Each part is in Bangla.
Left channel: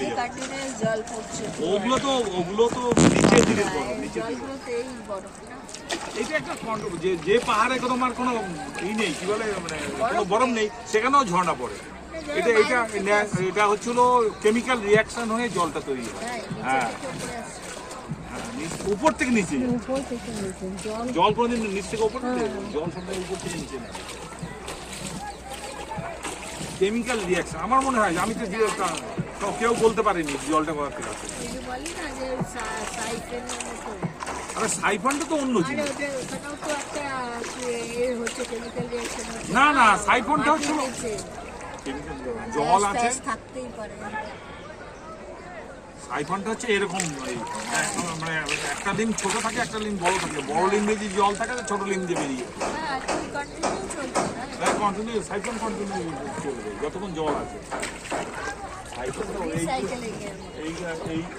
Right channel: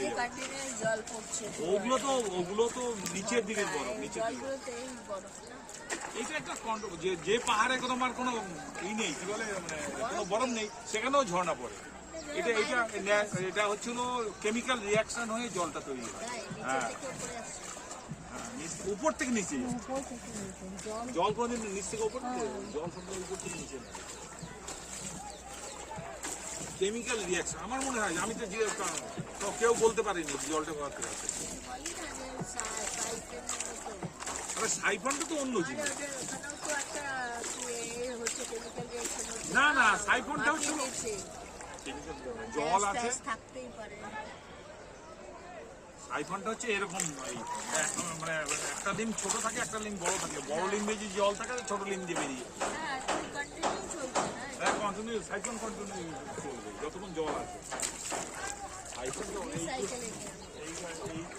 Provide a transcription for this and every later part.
হয়ে যাবে। জল পড়ছে, ওগুলো তো নিচের দিকে বরফ, নিচের দিকে। জলগুলোতেই বরফ না। এইটা একটা কন্ট্রোল, যে পাহাড়ে তোমার কোনো ই নেই, কি বলে, মানে কোনো বরফ নেই, সেখানেও ঝর্ণা পড়ে। এটা এটা এটা হচ্ছিল কেমিক্যাল রিয়াকশন হয়ে জলটা তৈরি হয়। হ্যাঁ, উপর থেকে নিচে যায়। উপর থেকে নিচে জল। জল কোনোদিন নিচ থেকে উপর থেকে, জল সবসময় উপর থেকে নিচে না। কেমিক্যাল রিয়াকশন আমার মনে হয়, আমি তো কেউ বলতে পারেনি জলটা কোথা থেকে আসে। বলি না যে সাইফেনের মতো। আরে সাইফনটা তো অন্য আরে জিনিস। ওখানেও তো একটা হচ্ছে কেমিক্যাল রিঅ্যাকশন হচ্ছে। না না, সাইফনটা হচ্ছিল জল আছে, থাকতেই পারে। সাইফনটা হচ্ছে এরকম, মানে একটা লিঙ্ক ছোট থাকে, একটা লিঙ্ক বড় থাকে। বড় লিঙ্ক দিয়ে যে জল থাকে, ছোট লিঙ্ক দিয়ে বেরিয়ে যায়। হ্যাঁ, কন্টিনিউ চলছে না। হ্যাঁ, কন্টিনিউ সাইফন কন্টিনিউ চলবে যতক্ষণ জল আছে।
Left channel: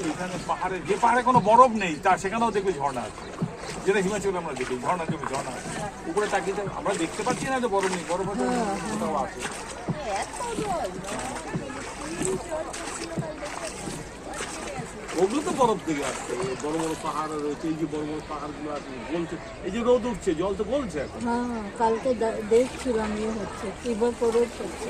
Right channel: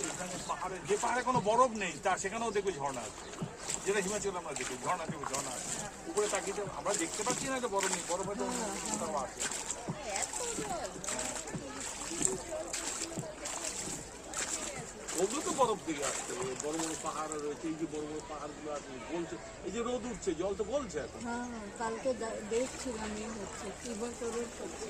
এইখানে পাহাড়ে, যে পাহাড়ে কোনো বরফ নেই, তা সেখানেও দেখবে ঝর্ণা আছে। যেটা হিমাচলে আমরা দেখি ঝর্ণা, দেখবে ঝর্ণা আছে। উপরে তাকিয়ে আমরা দেখতে পাচ্ছি না যে বরফ নেই, বরফ হয়তো কোথাও আছে। ওগুলো তো বরফ থেকে আসছে, বড় বড় পাহাড় রয়েছে, এই যে বড় বড় পাহাড়গুলো আছে গলছে, এই যে রোদ উঠছে, জল তো গলছে এখন। হ্যাঁ, কালকে দেখছিলাম হচ্ছে ফিভার করে হচ্ছে।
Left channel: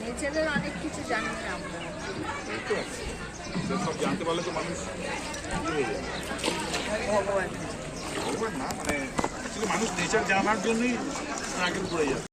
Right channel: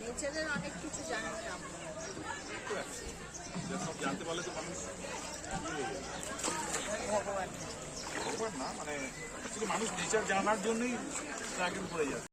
নেচারের অনেক কিছু জানি না আমরা। সব জানতে পারলে তো মানুষ হয়ে যায়। ভগবান ভগবান না, মানে মানুষ নেচার জানার জন্যই স্ট্রাগল করে যাচ্ছে।